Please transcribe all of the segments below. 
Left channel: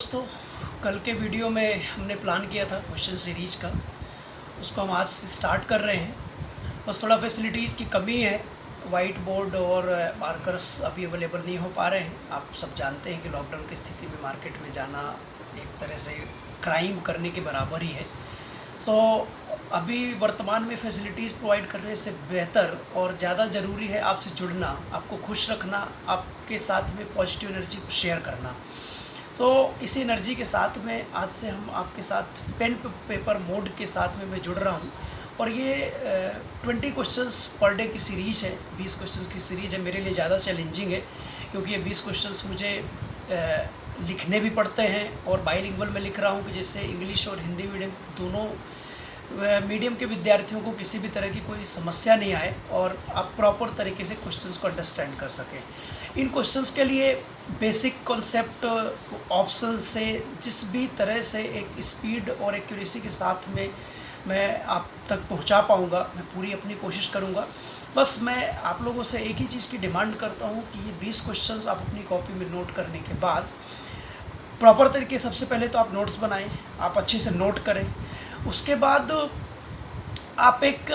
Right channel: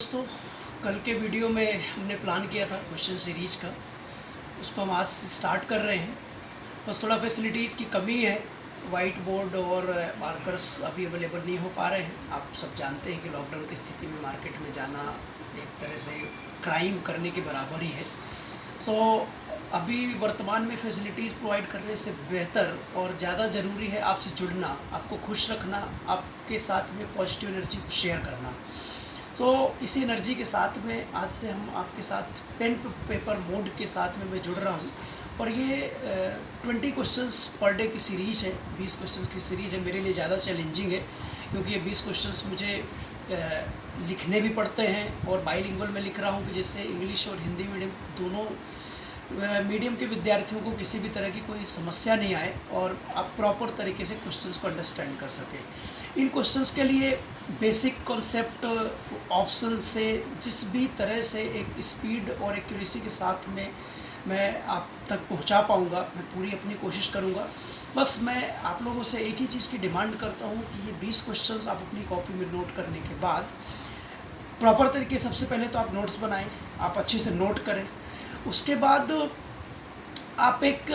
दोस्तों, कल के वीडियो में हमने प्लान किया था क्वेश्चन सीरीज का, उसको हम आज से स्टार्ट कर रहे हैं। बस थोड़ा फैसिलिटीज़ की कमी है, वाइट बोर्ड और मार्कर्स अभी अवेलेबल नहीं हो पा रहे हैं। आप सब जानते हैं कि लॉकडाउन की स्थिति में मार्केट में जाना एक तरह से क्राइम करने के बराबर ही है। सो अभी वर्तमान में फैसिलिटीज़ प्रोवाइड करने से बेहतर और ज़्यादा ज़रूरी है आपसे जुड़ना, आपको खुश रखना, आपके साथ में पॉजिटिव एनर्जी को शेयर करना। तो इसी एनर्जी के साथ में आज से हम आपके साथ पेन पेपर मोड के साथ में मैं जुड़ रहा हूँ। और ये 20 क्वेश्चंस पर डे की सीरीज़ है, 20 क्वेश्चंस की सीरीज़ है। मेरे लिए ज़्यादा चैलेंजिंग है क्योंकि ये 20 क्वेश्चंस मुझे लिखने भी पड़ते हैं और बाइलिंगुअल में लिख रहा हूँ कि जिससे इंग्लिश और हिंदी मीडियम दोनों मीडियम के विद्यार्थियों को किसी भी तरह की कोई समस्या नहीं आए और आप प्रॉपर तरीके से क्वेश्चंस को अंडरस्टैंड कर सकें। इन क्वेश्चंस के लिए बेसिक कॉन्सेप्ट ऑप्शन से जिस भी तरह से एक स्पीड और एक्यूरेसी के साथ में मैं आप तक पहुंचा पाऊंगा, मैं पूरी अपनी कोशिश करूंगा। बस मैं आप लोगों से एक ही चीज़ की डिमांड करता हूं कि ये 20 क्वेश्चंस आप अपनी कॉपी में नोट करने के बाद प्रॉपर तरीके, सबसे पहले तो आप नोट्स बनाएं, आप अच्छे से नोट करें। उसके बाद आप एक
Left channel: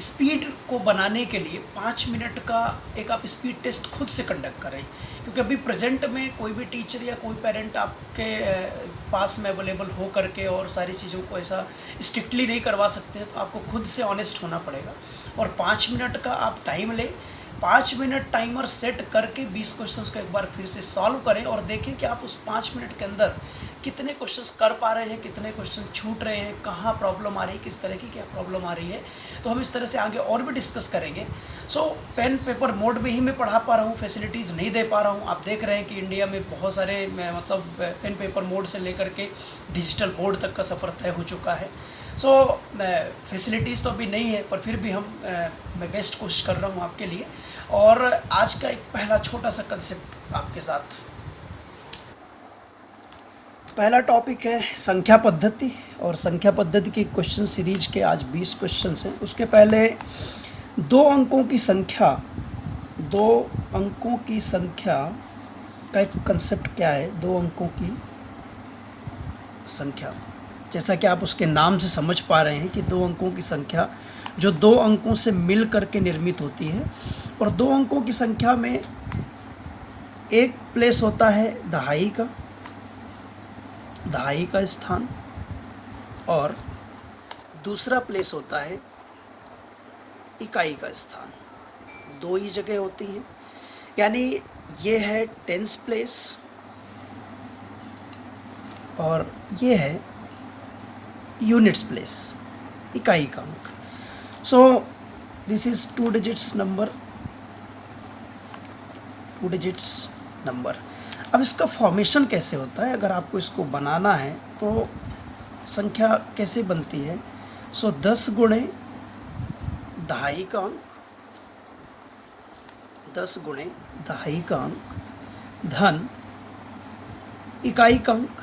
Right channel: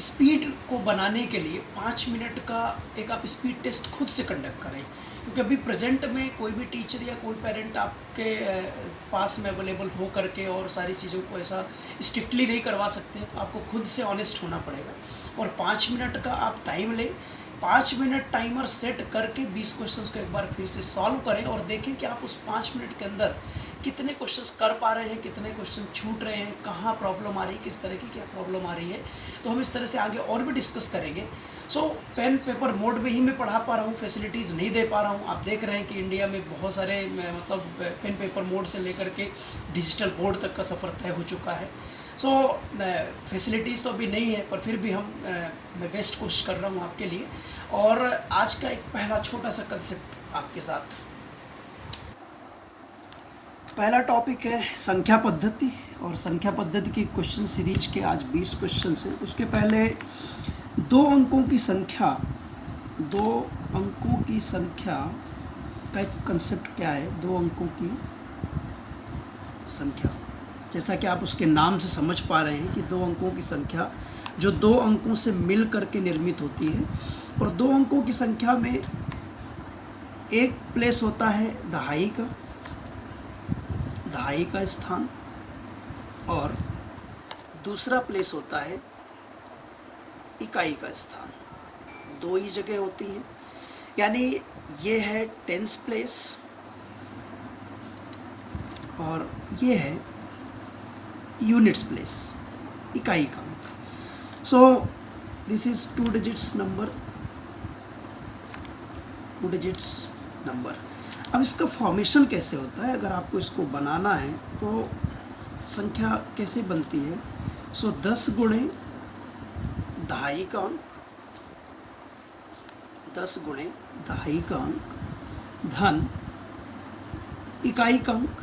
स्पीड को बनाने के लिए 5 मिनट का एक आप स्पीड टेस्ट खुद से कंडक्ट करें, क्योंकि अभी प्रेजेंट में कोई भी टीचर या कोई पेरेंट आपके पास में अवेलेबल हो करके और सारी चीज़ों को ऐसा स्ट्रिक्टली नहीं करवा सकते हैं। तो आपको खुद से ऑनेस्ट होना पड़ेगा और 5 मिनट का आप टाइम लें। 5 मिनट टाइमर सेट करके 20 क्वेश्चंस को एक बार फिर से सॉल्व करें और देखें कि आप उस 5 मिनट के अंदर कितने क्वेश्चंस कर पा रहे हैं, कितने क्वेश्चन छूट रहे हैं, कहाँ प्रॉब्लम आ रही है, किस तरह की क्या प्रॉब्लम आ रही है। तो हम इस तरह से आगे और भी डिस्कस करेंगे। सो पेन पेपर मोड में ही मैं पढ़ा पा रहा हूँ, फैसिलिटीज़ नहीं दे पा रहा हूँ। आप देख रहे हैं कि इंडिया में बहुत सारे मतलब पेन पेपर मोड से लेकर के डिजिटल बोर्ड तक का सफ़र तय हो चुका है। सो फैसिलिटीज़ तो अभी नहीं है, पर फिर भी मैं बेस्ट कोशिश कर रहा हूँ आपके लिए। और आज का एक पहला छोटा सा कंसेप्ट आपके साथ, पहला टॉपिक है संख्या पद्धति। और संख्या पद्धति की क्वेश्चन सीरीज के आज 20 क्वेश्चन हैं। उसके पहले 2 अंकों की संख्या, 2 अंकों की संख्या का एक कंसेप्ट क्या है। 2 अंकों की संख्या, जैसा कि आप उसके नाम से समझ पा रहे हैं कि 2 अंकों की संख्या जो 2 अंकों से मिल करके निर्मित होती है। और 2 अंकों की संख्या में एक प्लेस होता है दहाई का स्थान और दूसरा प्लेस होता है इकाई का स्थान। 2 ही जगह होती हैं, यानी ये है टेंस प्लेस और ये है यूनिट्स प्लेस, इकाई का अंक। So this is 2 digits number. अब इसका फॉर्मेशन कैसे होता है, अगर आपको इसको बनाना है तो संख्या कैसे बनती है। सो 10 गुणे दहाई का अंक, 10 गुणे दहाई का अंक धन इकाई का अंक।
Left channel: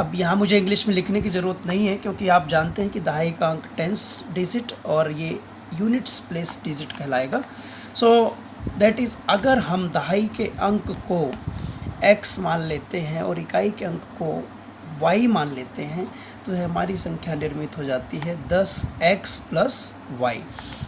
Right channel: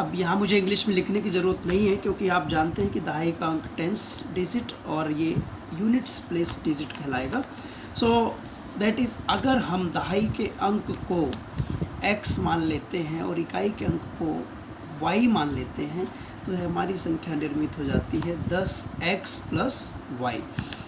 अब यहाँ मुझे इंग्लिश में लिखने की ज़रूरत नहीं है क्योंकि आप जानते हैं कि दहाई का अंक टेंस डिजिट और ये यूनिट्स प्लेस डिजिट कहलाएगा। सो दैट इज़, अगर हम दहाई के अंक को x मान लेते हैं और इकाई के अंक को y मान लेते हैं तो हमारी संख्या निर्मित हो जाती है 10x + y।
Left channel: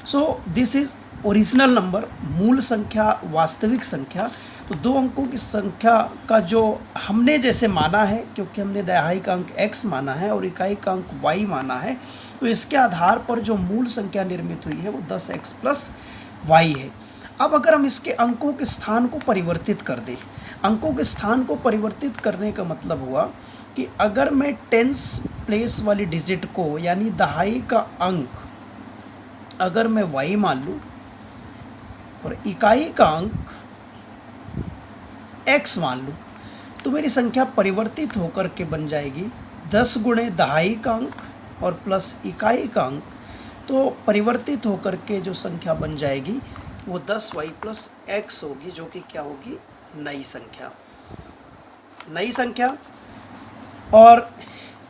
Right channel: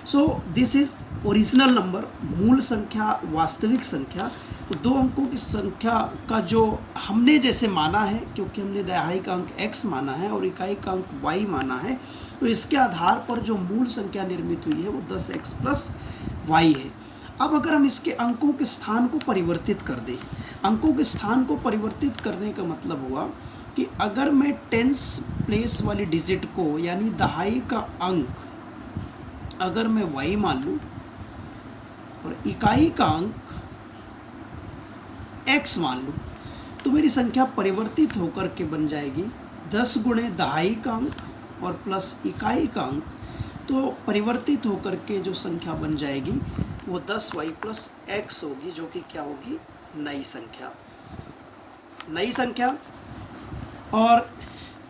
So this is original number, मूल संख्या, वास्तविक संख्या। तो 2 अंकों की संख्या का जो हमने जैसे माना है, क्योंकि हमने दहाई का अंक x माना है और इकाई का अंक y माना है, तो इसके आधार पर जो मूल संख्या निर्मित हुई है वो 10x + y है। अब अगर हम इसके अंकों के स्थान को परिवर्तित कर दें, अंकों के स्थान को परिवर्तित करने का मतलब हुआ कि अगर मैं टेंस प्लेस वाली डिजिट को, यानी दहाई का अंक अगर मैं y मान लूँ और इकाई का अंक x मान लूँ, तो मेरी संख्या परिवर्तित होकर के बन जाएगी 10 गुणे दहाई का अंक और प्लस इकाई का अंक। तो परिवर्तित होकर के जो संख्या बन जाएगी वो 10y + x होगी, जो कि क्या होगी, नई संख्या। और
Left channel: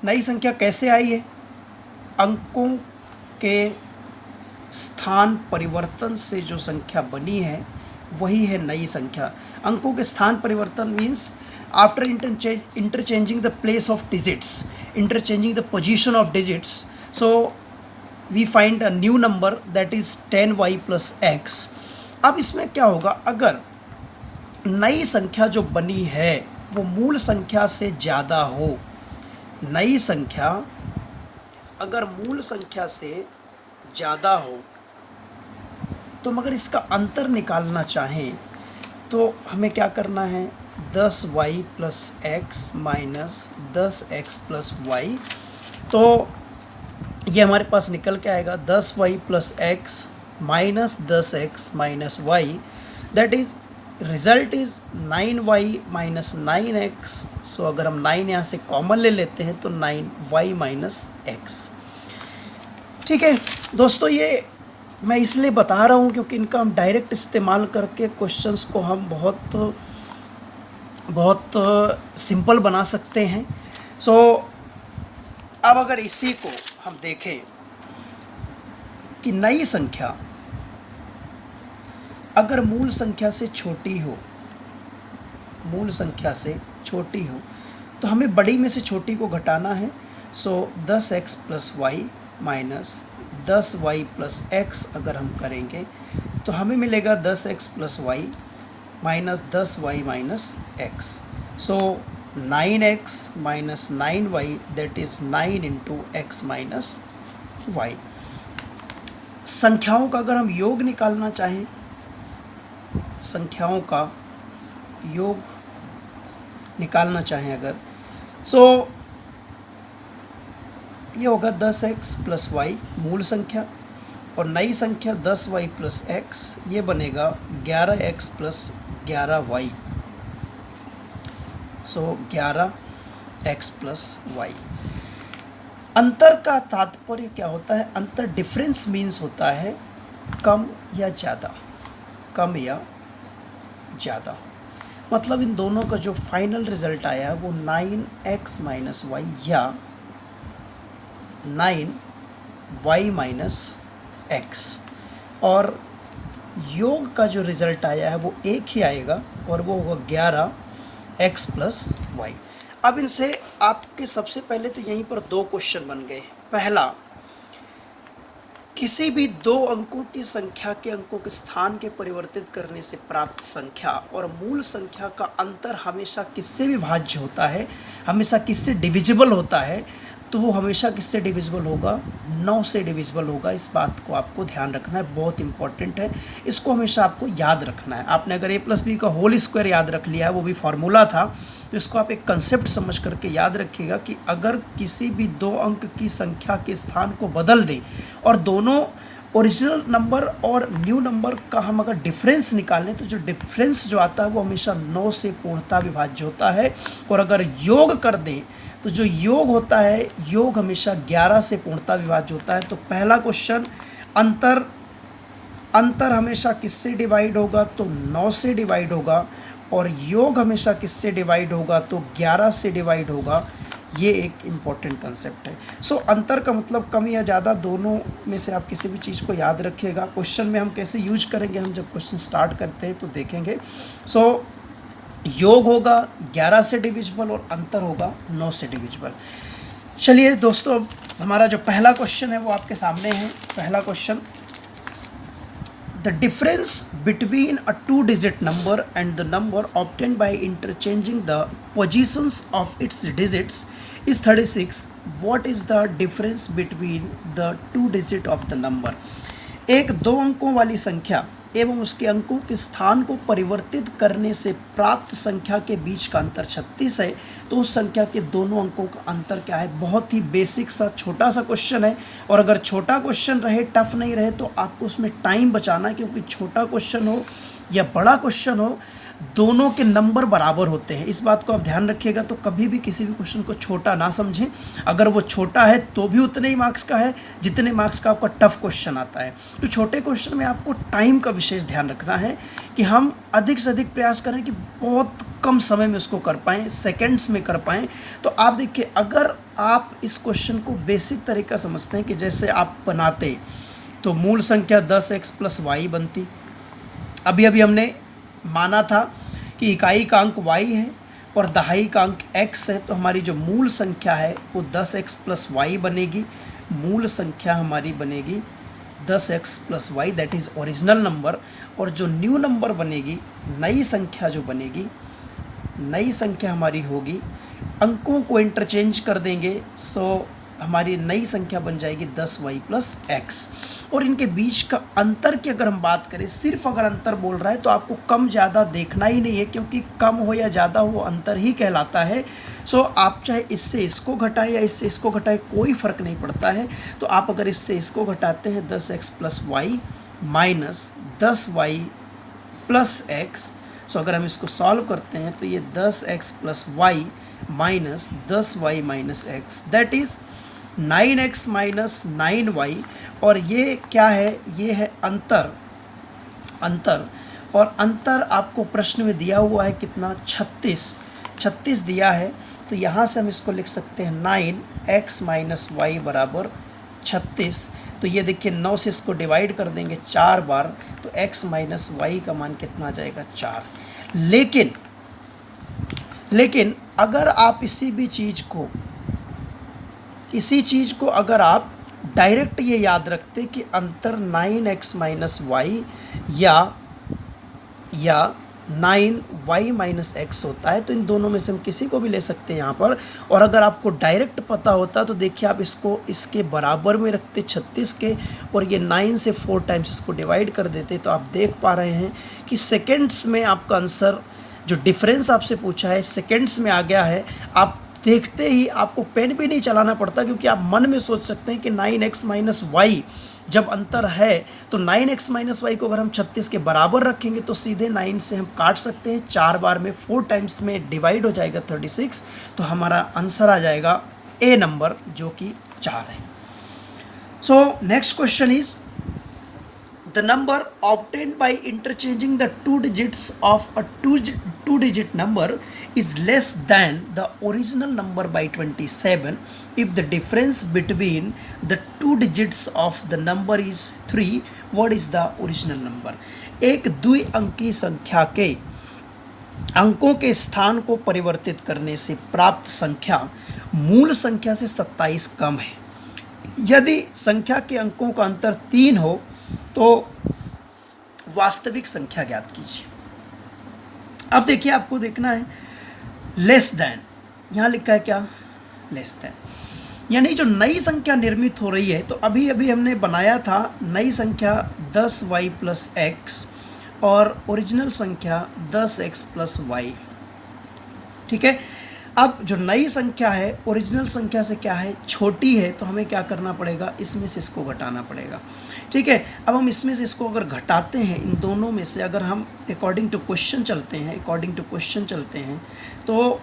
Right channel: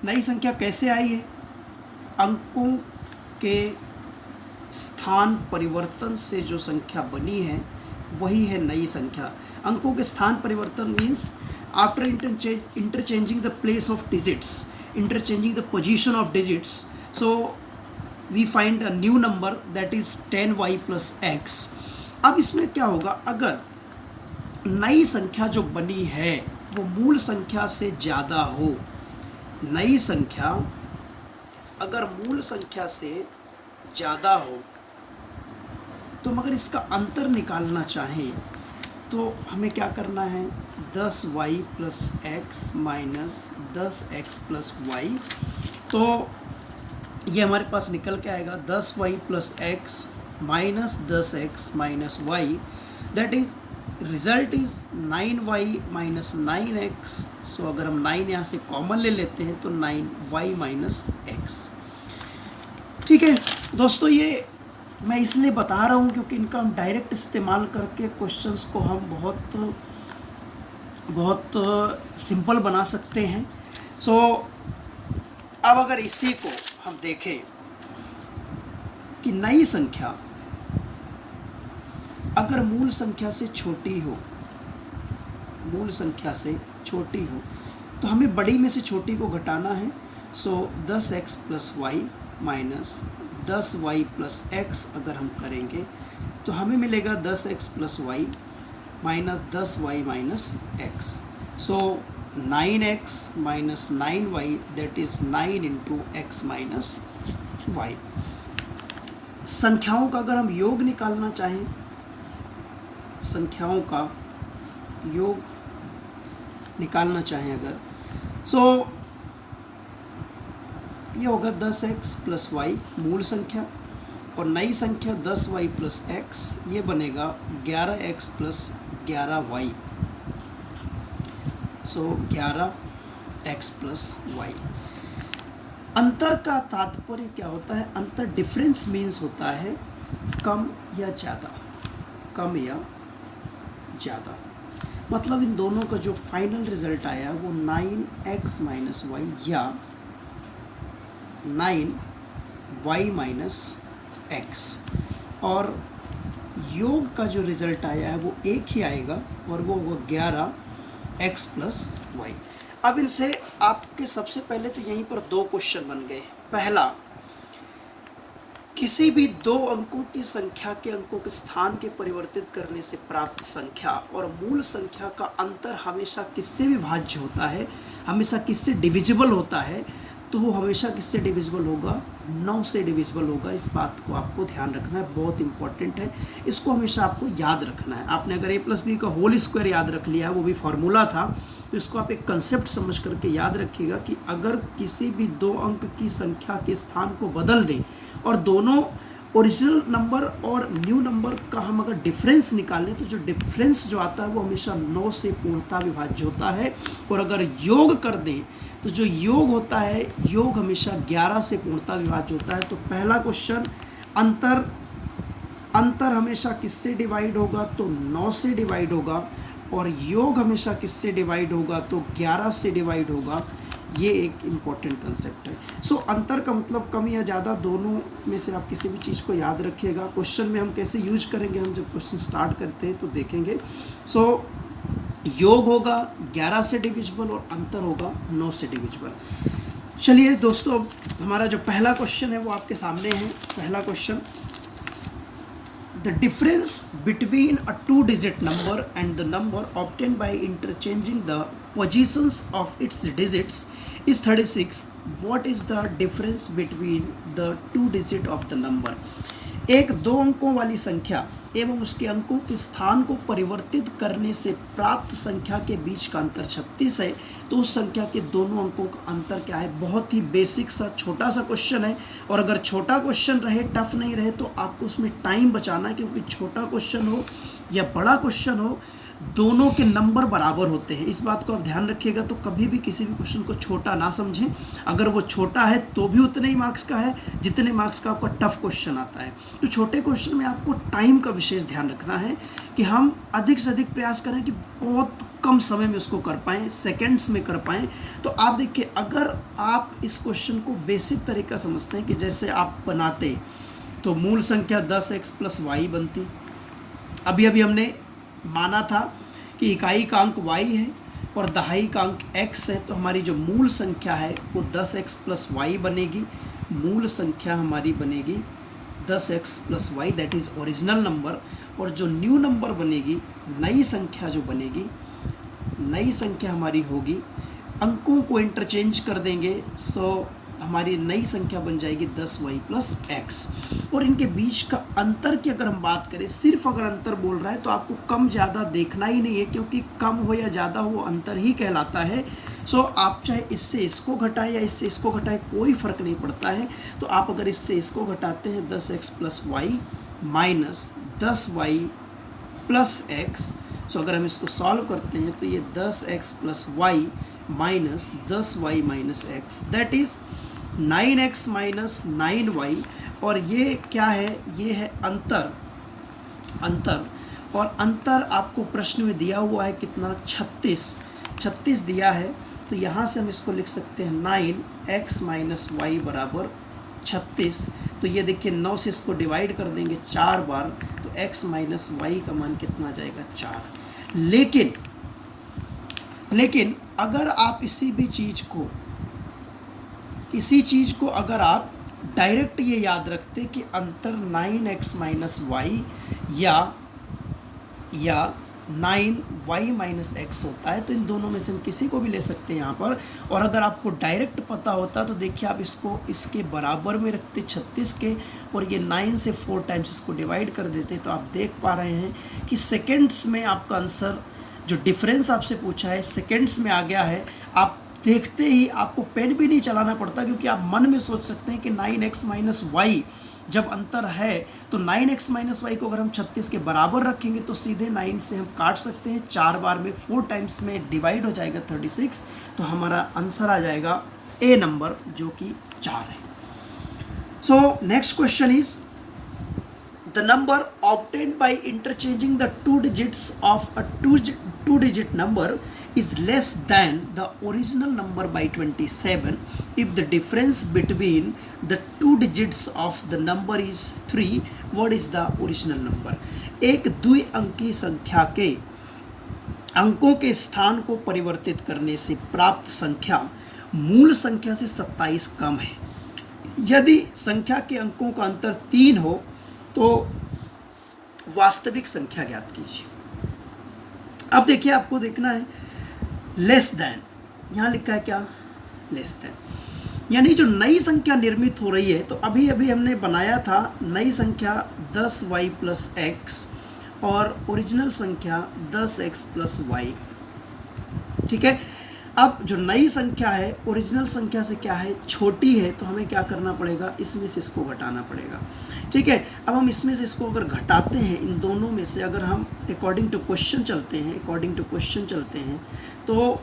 नई संख्या कैसे आई है, अंकों के स्थान परिवर्तन से जो संख्या बनी है वही है नई संख्या। अंकों के स्थान परिवर्तन means after interchanging the place of digits, interchanging the position of digits, so we find a new number that is 10y plus x. अब इसमें क्या होगा, अगर नई संख्या जो बनी है वो मूल संख्या से ज़्यादा हो, नई संख्या अगर मूल संख्या से ज़्यादा हो, तो मगर इसका अंतर निकालना चाहें तो हमें क्या करना है, 10y plus x minus 10x plus y. तो ये हमारे पास निकल के आएगा 10y plus x minus 10x minus y, that is result is 9y minus 9x. So अगर हम 9 यहाँ से कॉमन ले लेते हैं तो 9y माइनस एक्स. ठीक है दोस्तों, ये मैं इसलिए बता रहा हूँ क्योंकि इनका हम डायरेक्ट इस्तेमाल करके क्वेश्चंस को हम बहुत सिंपल बना सकते हैं. सो अब अगर इसी को हम देखें कि नई संख्या अगर मूल संख्या से छोटी हो, मूल संख्या से छोटी हो, तो हमें बड़ी में से छोटी को घटाना है. So 10x plus Y minus 10y plus x अगर हम करेंगे तो हमें मिलेगा 10x plus Y minus 10y minus x. So 9x minus 9y that is 9 into x minus y. संख्याओं का अगर हम योग निकालना चाहें, संख्याओं का योग निकालना चाहें अगर, सो ये होगा 10x प्लस वाई मूल संख्या, और नई संख्या 10y प्लस एक्स, ये बनेगा 11x प्लस 11y. सो 11x प्लस वाई. अंतर का तात्पर्य क्या होता है, अंतर डिफरेंस मीन्स होता है कम या ज़्यादा, कम या ज़्यादा. मतलब इन दोनों का जो फाइनल रिजल्ट आया वो 9x माइनस वाई या 9y माइनस एक्स, और योग का जो रिज़ल्ट आया है वो एक ही आएगा और वो होगा 11x प्लस वाई. अब इनसे आपके सबसे पहले तो यहीं पर दो क्वेश्चन बन गए. पहला, किसी भी दो अंकों की संख्या के अंकों के स्थान के परिवर्तित करने से प्राप्त संख्या और मूल संख्या का अंतर हमेशा किससे विभाज्य होता है, हमेशा किससे डिविजिबल होता है, तो वो हमेशा किससे डिविजिबल होगा, 9 से डिविजिबल होगा. इस बात को आपको ध्यान रखना है, बहुत इंपॉर्टेंट है, इसको हमेशा आपको याद रखना है. आपने अगर a प्लस बी का होल स्क्वायर याद रख लिया है, वो भी फार्मूला था, तो इसको आप एक कंसेप्ट समझ करके याद रखिएगा कि अगर किसी भी दो अंक की संख्या के स्थान को बदल दें और दोनों ओरिजिनल नंबर और न्यू नंबर का हम अगर डिफरेंस निकालें, तो जो डिफरेंस जो आता है वो हमेशा 9 से पूर्णतः विभाज्य होता है. और अगर योग कर दें तो जो योग होता है, योग हमेशा 11 से पूर्णतः विभाज्य होता है. तो पहला क्वेश्चन, अंतर हमेशा किससे डिवाइड होगा, तो 9 से डिवाइड होगा, और योग हमेशा किससे डिवाइड होगा, तो 11 से डिवाइड होगा. ये एक इम्पॉर्टेंट कंसेप्ट है. सो अंतर का मतलब कम या ज़्यादा, दोनों में से आप किसी भी चीज़ को याद रखिएगा. क्वेश्चन में हम कैसे यूज करेंगे, हम जब क्वेश्चन स्टार्ट करते हैं तो देखेंगे. सो योग होगा 11 से डिविजिबल और अंतर होगा 9 से डिविजिबल. चलिए दोस्तों, हमारा जो पहला क्वेश्चन है वो आपके सामने है. पहला question, the difference between a 2-digit number and the number obtained by interchanging the positions of its digits is 36. What is the difference between the 2-digit of the number. एक दो अंकों वाली संख्या एवं उसके अंकों के स्थान को परिवर्तित करने से प्राप्त संख्या के बीच का अंतर 36 है, तो उस संख्या के दोनों अंकों का अंतर क्या है. बहुत ही बेसिक सा छोटा सा क्वेश्चन है, और अगर छोटा क्वेश्चन रहे, टफ नहीं रहे, तो आपको उसमें टाइम बचाना है, क्योंकि छोटा क्वेश्चन हो या बड़ा क्वेश्चन हो, दोनों के नंबर बराबर होते हैं. इस बात को आप ध्यान रखिएगा. तो कभी भी किसी भी क्वेश्चन को छोटा ना समझें. अगर वो छोटा है तो भी उतने ही मार्क्स का है जितने मार्क्स का आपका टफ क्वेश्चन आता है. तो छोटे क्वेश्चन में आपको टाइम का विशेष ध्यान रखना है कि हम अधिक से अधिक प्रयास करें कि बहुत कम समय में उसको कर पाएँ, सेकेंड्स में कर पाएँ. तो आप देखिए, अगर आप इस क्वेश्चन को बेसिक तरीका समझते हैं कि जैसे आप बनाते तो मूल संख्या 10x प्लस वाई बनती. अभी हमने माना था कि इकाई का अंक y है, और दहाई का अंक x है, तो हमारी जो मूल संख्या है वो 10x प्लस वाई बनेगी। मूल संख्या हमारी बनेगी 10x plus y, that is original number. और जो न्यू नंबर बनेगी, नई संख्या जो बनेगी, नई संख्या हमारी होगी, अंकों को इंटरचेंज कर देंगे, सो हमारी नई संख्या बन जाएगी 10y प्लस एक्स। और इनके बीच का अंतर की अगर हम बात करें, सिर्फ अगर अंतर बोल रहा है तो आपको कम ज़्यादा देखना ही नहीं है, क्योंकि कम हो या ज़्यादा वो अंतर ही कहलाता है। सो आप चाहे इससे इसको घटाएं या इससे इसको घटाएं, कोई फ़र्क नहीं पड़ता है। तो आप अगर इससे इसको घटाते हैं 10x plus Y minus 10y plus x, so अगर हम इसको सॉल्व करते हैं तो ये 10x plus Y minus 10y minus X, that is 9x minus 9y। और ये क्या है, ये है अंतर। और अंतर आपको प्रश्न में दिया हुआ है कितना, 36 दिया है। तो यहाँ से हम इसको लिख सकते हैं 9x माइनस वाई बराबर 36। तो ये देखिए 9 से इसको डिवाइड कर देंगे 4 बार, तो x माइनस वाई का मान कितना आ जाएगा, 4। लेकिन अगर आप इसी चीज़ को अगर आप डायरेक्ट ये याद रखते कि अंतर 9x माइनस वाई या 9y माइनस एक्स होता है, तो इन दोनों में से हम किसी को भी ले सकते हैं यहाँ पर। और अगर आपको डायरेक्ट पता होता तो देखिए आप इसको इसके बराबर में रखते 36 के, और ये 9 से 4 टाइम्स इसको डिवाइड कर देते, तो आप देख पा रहे हैं कि सेकेंड्स में आपका आंसर, जो डिफरेंस आपसे पूछा है, सेकेंड्स में आ गया है। आप देखते ही आपको पेन भी नहीं चलाना पड़ता, क्योंकि आप मन में सोच सकते हैं कि 9x माइनस वाई जब अंतर है तो 9x माइनस वाई को अगर हम 36 के बराबर रखेंगे तो सीधे 9 से हम काट सकते हैं, 4 बार में 4 टाइम्स में डिवाइड हो जाएगा 36। तो हमारा आंसर आ जाएगा ए नंबर, जो कि 4 है। सो next question is the number obtained by interchanging the 2 digits of a two digit number is less than the original number by 27 if the difference between the 2 digits of the number is 3. What is the original number? एक द्विअंकी संख्या के अंकों के स्थान को परिवर्तित करने से प्राप्त संख्या मूल संख्या से 27 कम है। यदि संख्या के अंकों का अंतर 3 हो तो वास्तविक संख्या ज्ञात कीजिए। अब देखिए, आपको देखना है लेस देन, यहाँ लिखा है क्या, लेस देन, यानी जो नई संख्या निर्मित हो रही है, तो अभी हमने बनाया था नई संख्या 10y प्लस एक्स और ओरिजिनल संख्या 10x प्लस वाई। ठीक है, अब जो नई संख्या है ओरिजिनल संख्या से क्या है, छोटी है, तो हमें क्या करना पड़ेगा, इसमें से इसको घटाना पड़ेगा। ठीक है, अब हम इसमें से इसको अगर घटाते हैं, इन दोनों में से अगर हम अकॉर्डिंग टू क्वेश्चन चलते हैं तो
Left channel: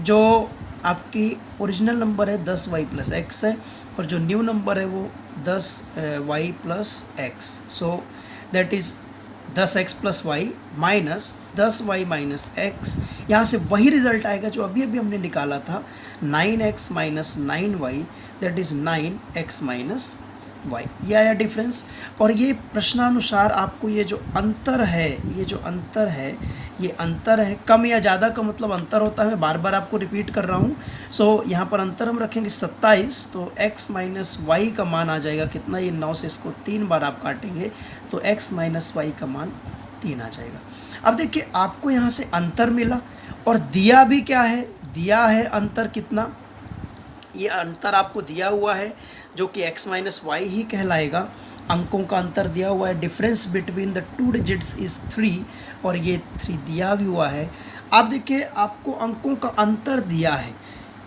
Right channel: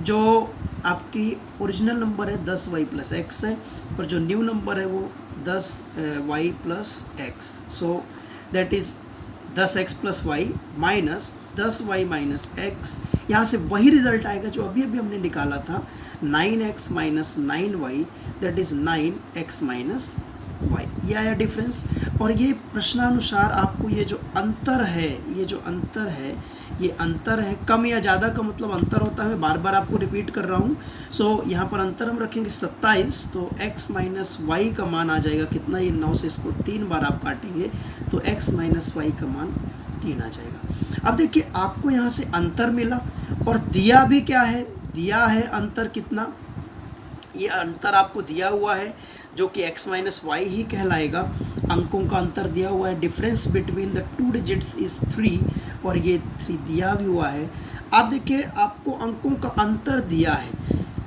जो आपकी ओरिजिनल नंबर है 10y प्लस एक्स है, और जो न्यू नंबर है वो 10y plus x. So that is 10x plus Y minus 10y minus x. यहाँ से वही रिजल्ट आएगा जो अभी हमने निकाला था, 9x minus 9y, that is 9x minus y. यह आया डिफरेंस। और ये प्रश्नानुसार आपको ये जो अंतर है, कम या ज़्यादा का मतलब अंतर होता है, बार बार आपको रिपीट कर रहा हूँ। सो यहाँ पर अंतर हम रखेंगे 27, तो x माइनस वाई का मान आ जाएगा कितना, ये 9 से इसको 3 बार आप काटेंगे तो x माइनस वाई का मान 3 आ जाएगा। अब देखिए, आपको यहाँ से अंतर मिला और दिया भी क्या है, दिया है अंतर कितना, ये अंतर आपको दिया हुआ है जो कि x माइनस वाई ही कहलाएगा। अंकों का अंतर दिया हुआ है, difference between the 2 digits is 3, और ये 3 दिया भी हुआ है। आप देखिए, आपको अंकों का अंतर दिया है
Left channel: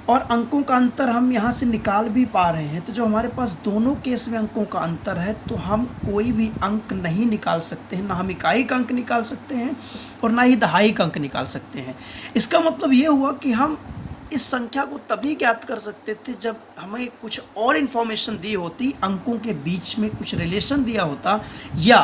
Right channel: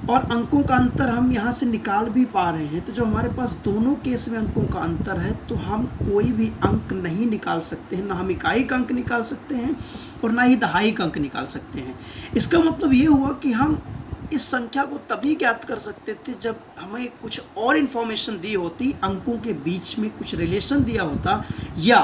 और अंकों का अंतर हम यहाँ से निकाल भी पा रहे हैं। तो जो हमारे पास दोनों केस में अंकों का अंतर है, तो हम कोई भी अंक नहीं निकाल सकते हैं, ना हम इकाई का अंक निकाल सकते हैं और ना ही दहाई का अंक निकाल सकते हैं। इसका मतलब ये हुआ कि हम इस संख्या को तभी ज्ञात कर सकते थे जब हमें कुछ और इन्फॉर्मेशन दी होती, अंकों के बीच में कुछ रिलेशन दिया होता, या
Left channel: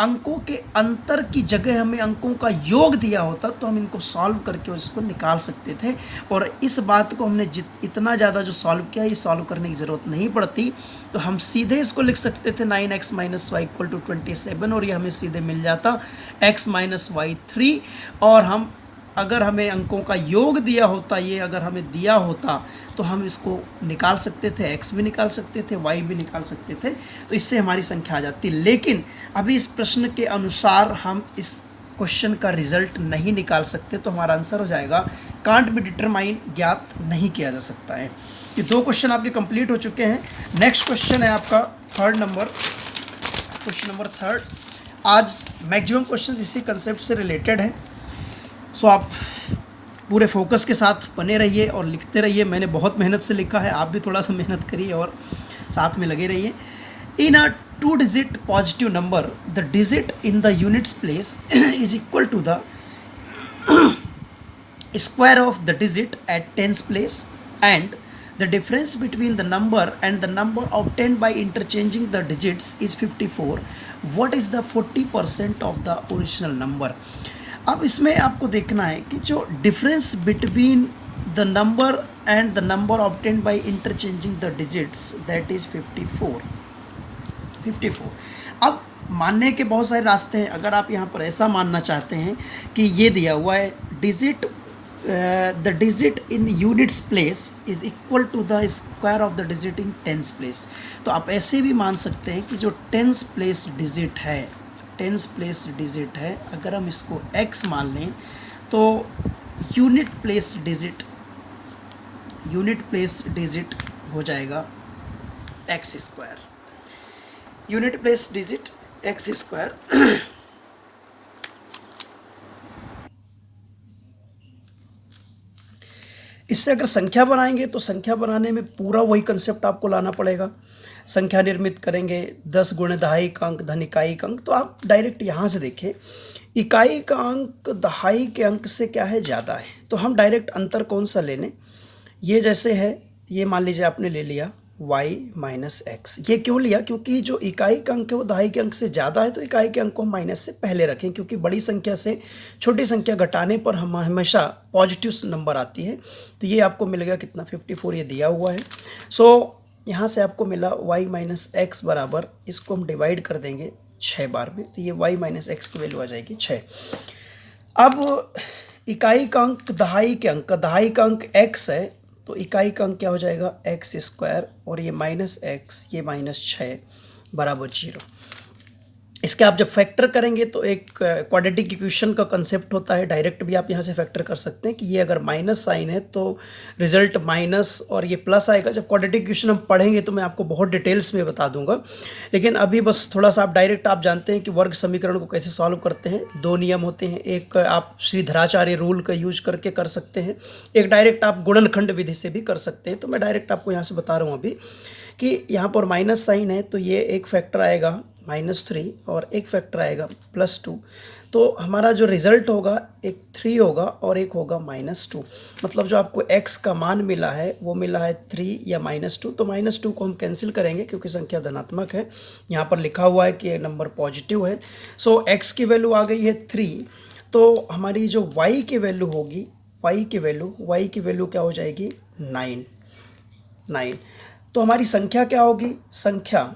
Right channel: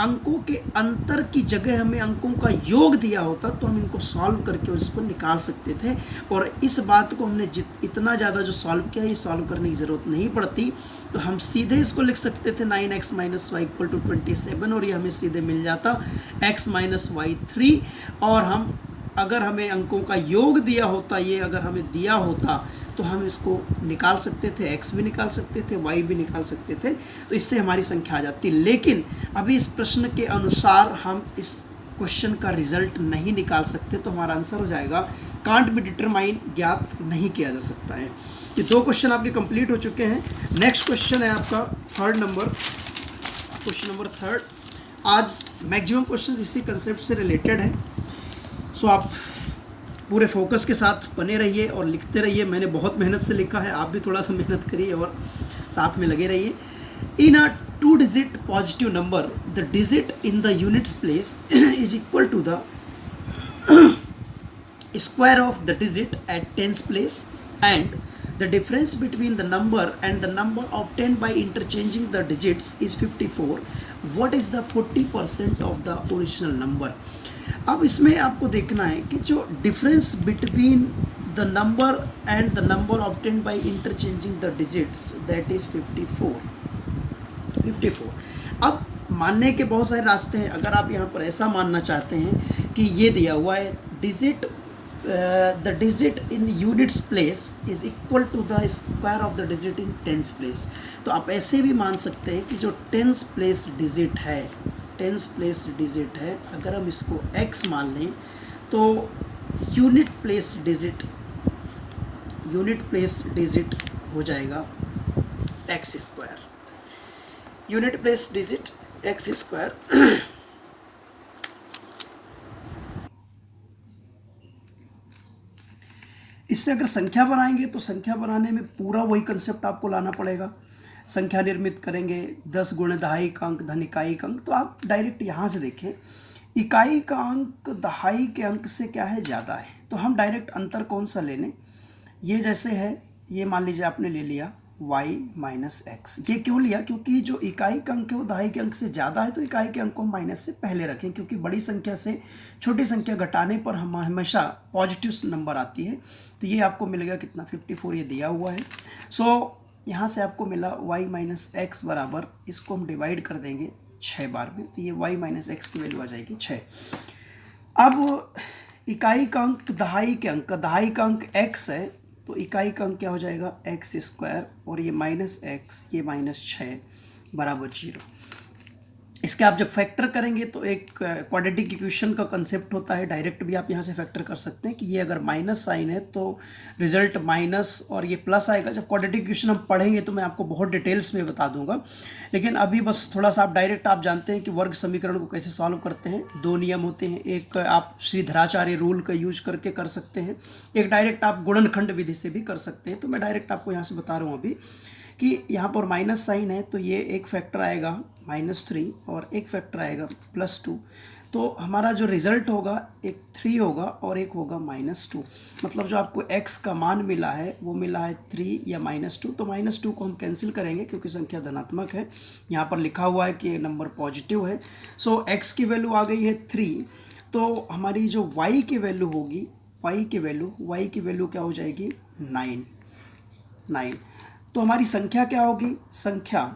अंकों के अंतर की जगह हमें अंकों का योग दिया होता, तो हम इनको सॉल्व करके उसको निकाल सकते थे। और इस बात को हमने इतना ज़्यादा जो सॉल्व किया, ये सॉल्व करने की ज़रूरत नहीं पड़ती। तो हम सीधे इसको लिख सकते थे 9x minus Y equal to 27, और ये हमें सीधे मिल जाता x माइनस वाई 3, और हम अगर हमें अंकों का योग दिया होता, ये अगर हमें दिया होता तो हम इसको निकाल सकते थे, x भी निकाल सकते थे, y भी निकाल सकते थे, तो इससे हमारी संख्या आ जाती। लेकिन अभी इस प्रश्न के अनुसार हम इस क्वेश्चन का रिजल्ट नहीं निकाल सकते, तो हमारा आंसर हो जाएगा कांट बी डिटरमाइन, ज्ञात नहीं किया जा सकता है। ये 2 क्वेश्चन आपके कंप्लीट हो चुके हैं। नेक्स्ट क्वेश्चन है आपका थर्ड नंबर, क्वेश्चन नंबर 3। आज मैक्सिमम क्वेश्चन इसी कंसेप्ट से रिलेटेड है, सो आप पूरे फोकस के साथ बने रहिए और लिखते रहिए। मैंने बहुत मेहनत से लिखा है, आप भी थोड़ा सा मेहनत करिए और साथ में लगे रहिए। In a 2 digit positive number, the digit in the units place is equal to the square of the digit at tens place, and the difference between the number and the number obtained by interchanging the digits is 54. What is the 40% of the original number? अब इसमें आपको देखना है कि जो difference between the number and the number obtained by interchanging the digits, that is 54। अब मानने के बहुत सारे रास्ते हैं। अगर आप यहाँ पर ऐसा मानना चाहते हैं कि ये दिया हुआ है digit, the digit in units place is equal to the square of the digit in tens place, तो आप ऐसे भी मान सकते हैं कि जो टेंस प्लेस डिजिट है, टेंस प्लेस डिजिट है, अगर हम इसको x मान लें तो यूनिट प्लेस डिजिट हो जाएगा x square, unit place digit x square. इससे अगर संख्या बनाएंगे तो संख्या बनाने में पूरा वही कंसेप्ट आपको लाना पड़ेगा। संख्या निर्मित करेंगे 10 गुणे दहाई का अंक धन इकाई का अंक, तो आप डायरेक्ट यहाँ से देखिए इकाई का अंक दहाई के अंक से क्या है, ज़्यादा है, तो हम डायरेक्ट अंतर कौन सा ले लें। ये जैसे है, ये मान लीजिए आपने ले लिया y माइनस एक्स। ये क्यों लिया, क्योंकि जो इकाई का अंक है वो दहाई के अंक से ज़्यादा है, तो इकाई के अंक को माइनस से पहले रखें, क्योंकि बड़ी संख्या से छोटी संख्या घटाने पर हम हमेशा पॉजिटिव नंबर आती है। तो ये आपको मिलेगा कितना, 54 ये दिया हुआ है। सो यहाँ से आपको मिला y माइनस एक्स बराबर, इसको हम डिवाइड कर देंगे 6 बार में, तो ये y माइनस एक्स की वैल्यू आ जाएगी 6। अब इकाई का अंक दहाई के अंक, दहाई का अंक x है, तो इकाई का अंक क्या हो जाएगा एक्स स्क्वायर, और ये माइनस एक्स, ये माइनस 6 बराबर 0। इसके आप जब फैक्टर करेंगे तो एक क्वाड्रेटिक इक्वेशन का कंसेप्ट होता है, डायरेक्ट भी आप यहाँ से फैक्टर कर सकते हैं कि ये अगर माइनस साइन है तो रिजल्ट माइनस और ये प्लस आएगा। जब क्वाड्रेटिक इक्वेशन हम पढ़ेंगे तो मैं आपको बहुत डिटेल्स में बता दूंगा, लेकिन अभी बस थोड़ा सा आप डायरेक्ट आप जानते हैं कि वर्ग समीकरण को कैसे सॉल्व करते हैं। 2 नियम होते हैं, एक आप श्रीधराचार्य रूल का यूज करके कर सकते हैं, एक डायरेक्ट आप गुणनखंड विधि से भी कर सकते हैं। तो मैं डायरेक्ट आपको यहाँ से बता रहा हूँ अभी कि यहाँ पर माइनस साइन है, तो ये एक फैक्टर आएगा -3 और एक फैक्टर आएगा +2, तो हमारा जो रिज़ल्ट होगा एक 3 होगा और एक होगा -2। मतलब जो आपको x का मान मिला है वो मिला है 3 या -2, तो -2 को हम कैंसिल करेंगे क्योंकि संख्या धनात्मक है। यहाँ पर लिखा हुआ है कि ये नंबर पॉजिटिव है। सो x की वैल्यू आ गई है 3, तो हमारी जो y की वैल्यू होगी, y की वैल्यू क्या हो जाएगी 9। तो हमारी संख्या क्या होगी, संख्या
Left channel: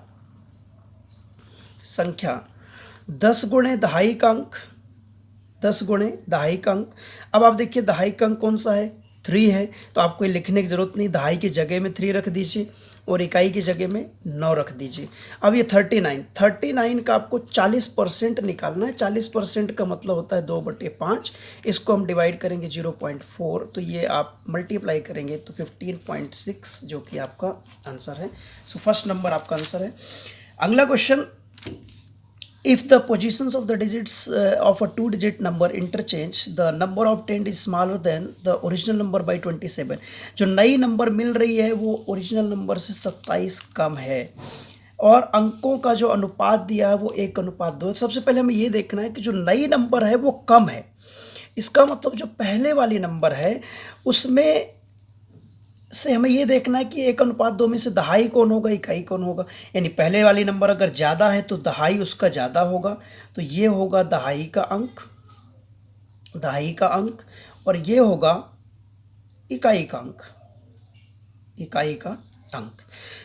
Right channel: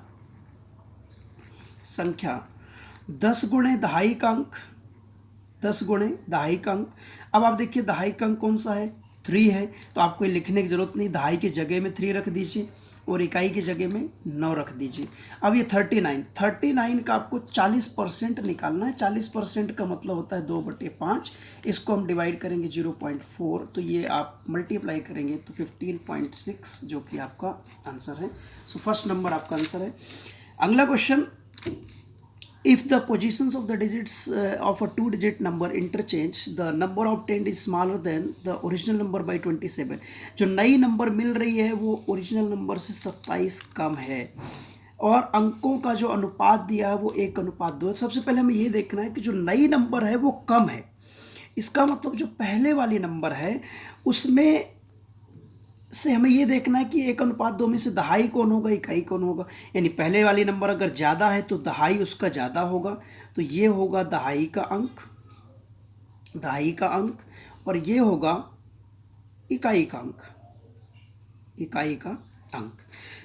10 गुणे दहाई का अंक, 10 गुणे दहाई का अंक। अब आप देखिए दहाई का अंक कौन सा है, 3 है, तो आपको ये लिखने की ज़रूरत नहीं, दहाई की जगह में 3 रख दीजिए और इकाई की जगह में 9 रख दीजिए। अब ये 39 का आपको 40% निकालना है। 40% का मतलब होता है 2/5, इसको हम डिवाइड करेंगे 0.4, तो ये आप मल्टीप्लाई करेंगे तो 15.6 जो कि आपका आंसर है। सो फर्स्ट नंबर आपका आंसर है। अगला question, if the positions of the digits of a 2-digit number interchange, the number obtained is smaller than the original number by 27। जो नई नंबर मिल रही है वो ओरिजिनल नंबर से 27 कम है, और अंकों का जो अनुपात दिया है वो 1:2। सबसे पहले हमें ये देखना है कि जो नई नंबर है वो कम है। इसका मतलब जो पहले वाली नंबर है उसमें से हमें ये देखना है कि 1:2 में से दहाई कौन होगा, इकाई कौन होगा। यानी पहले वाली नंबर अगर ज़्यादा है तो दहाई उसका ज़्यादा होगा, तो ये होगा दहाई का अंक, और ये होगा इकाई का अंक।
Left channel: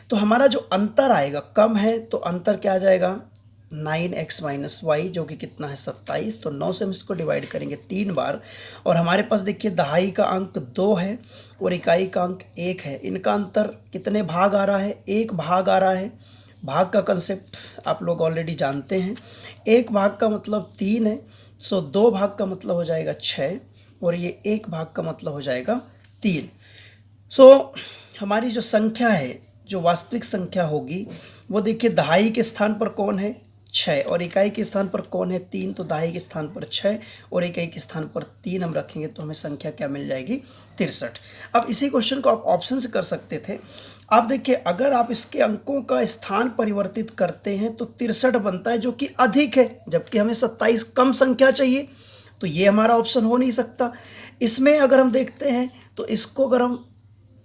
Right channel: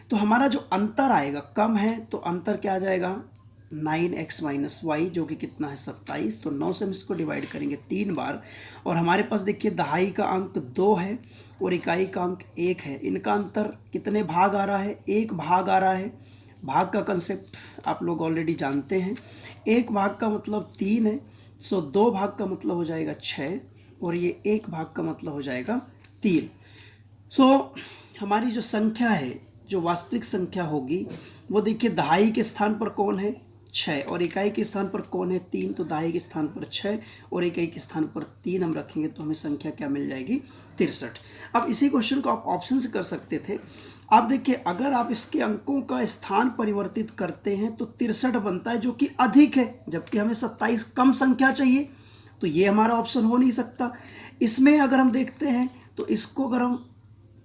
तो हमारा जो अंतर आएगा, कम है तो अंतर क्या आ जाएगा 9x माइनस वाई जो कि कितना है 27। तो 9 से हम इसको डिवाइड करेंगे 3 बार और हमारे पास देखिए दहाई का अंक 2 है और इकाई का अंक 1 है। इनका अंतर कितने भाग आ रहा है, 1 भाग आ रहा है। भाग का कंसेप्ट आप लोग ऑलरेडी जानते हैं। 1 भाग का मतलब 3 है, सो 2 भाग का मतलब हो जाएगा 6 और ये 1 भाग का मतलब हो जाएगा 3। सो हमारी जो संख्या है, जो वास्तविक संख्या होगी वो देखिए दहाई के स्थान पर कौन है 6 और इकाई के स्थान पर कौन है 3। तो दहाई के स्थान पर 6 और इकाई के स्थान पर 3 हम रखेंगे तो हमें संख्या क्या मिल जाएगी 63। अब इसी क्वेश्चन को आप ऑप्शन से कर सकते थे। आप देखिए अगर आप इसके अंकों का स्थान परिवर्तित करते हैं तो 63 बनता है जो कि अधिक है, जबकि हमें 27 कम संख्या चाहिए। तो ये हमारा ऑप्शन हो नहीं सकता। इसमें अगर हम देखते हैं तो इसको अगर हम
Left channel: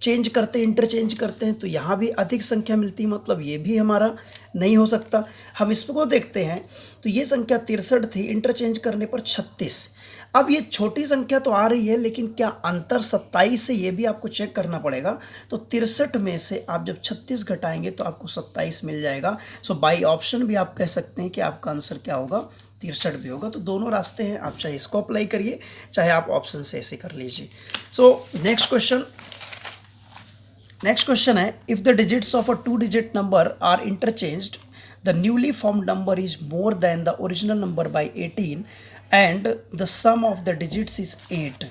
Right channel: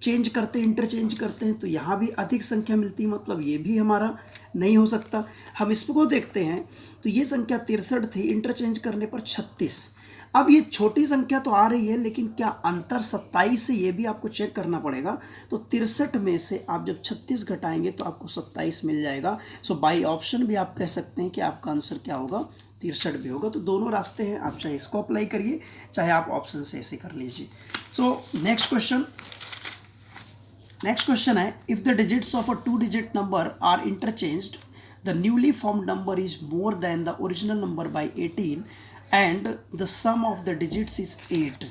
चेंज करते इंटरचेंज करते हैं तो यहाँ भी अधिक संख्या मिलती है, मतलब ये भी हमारा नहीं हो सकता। हम इसको देखते हैं तो ये संख्या 63 थी, इंटरचेंज करने पर 36। अब ये छोटी संख्या तो आ रही है लेकिन क्या अंतर 27 से, ये भी आपको चेक करना पड़ेगा। तो 63 में से आप जब 36 घटाएंगे तो आपको 27 मिल जाएगा। सो बाई ऑप्शन भी आप कह सकते हैं कि आपका आंसर क्या होगा 63 भी होगा। तो दोनों रास्ते हैं, आप चाहे इसको अप्लाई करिए चाहे आप ऑप्शन से ऐसे कर लीजिए। सो नेक्स्ट क्वेश्चन है, if the digits of a 2 digit number are interchanged the newly formed number is more than the original number by 18 and the sum of the digits is 8,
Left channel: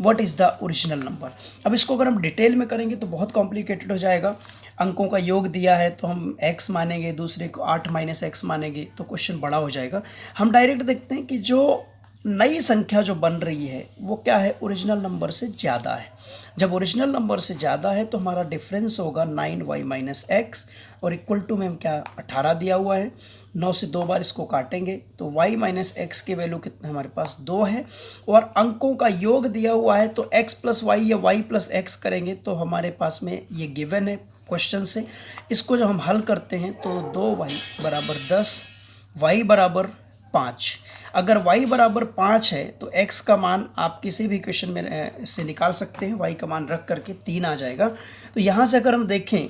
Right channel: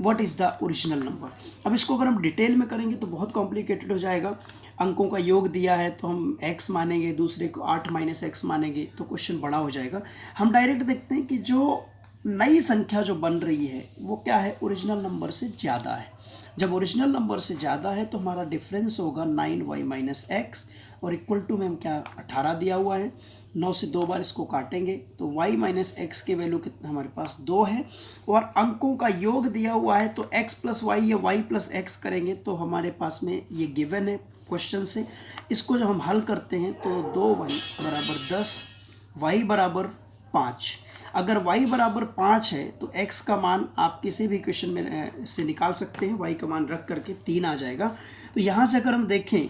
what is the original number. अब इसको अगर हम detail में करेंगे तो बहुत complicated हो जाएगा। अंकों का योग दिया है तो हम x मानेंगे, दूसरे को 8 माइनस x मानेंगे तो क्वेश्चन बड़ा हो जाएगा। हम डायरेक्ट देखते हैं कि जो नई संख्या जो बन रही है वो क्या है, ओरिजिनल नंबर से ज़्यादा है। जब ओरिजिनल नंबर से ज़्यादा है तो हमारा डिफरेंस होगा 9y माइनस एक्स और इक्वल टू में हम क्या 18 दिया हुआ है। 9 से 2 बार इसको काटेंगे तो y माइनस एक्स के वैल्यू कितना हमारे पास 2 है और अंकों का योग दिया हुआ है तो x प्लस वाई या y प्लस एक्स करेंगे तो हमारे पास में ये गिवन है क्वेश्चन से। इसको जब हम हल करते हैं तो 2y बराबर 10, y बराबर 5। अगर y बराबर 5 है तो x का मान आप किसी भी क्वेश्चन में से निकाल सकते हैं, y का मान रख करके 3 आ जाएगा। तो यहाँ से अगर हम देखें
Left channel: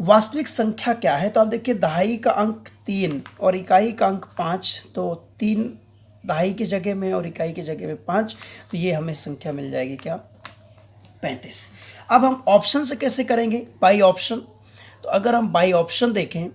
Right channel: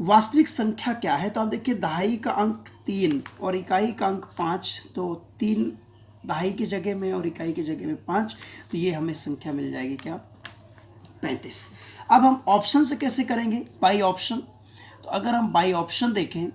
वास्तविक संख्या क्या है तो आप देखिए दहाई का अंक 3 और इकाई का अंक 5, तो 3 दहाई की जगह में और इकाई की जगह में 5, तो ये हमें संख्या मिल जाएगी क्या 35। अब हम ऑप्शन से कैसे करेंगे, बाई ऑप्शन। तो अगर हम बाई ऑप्शन देखें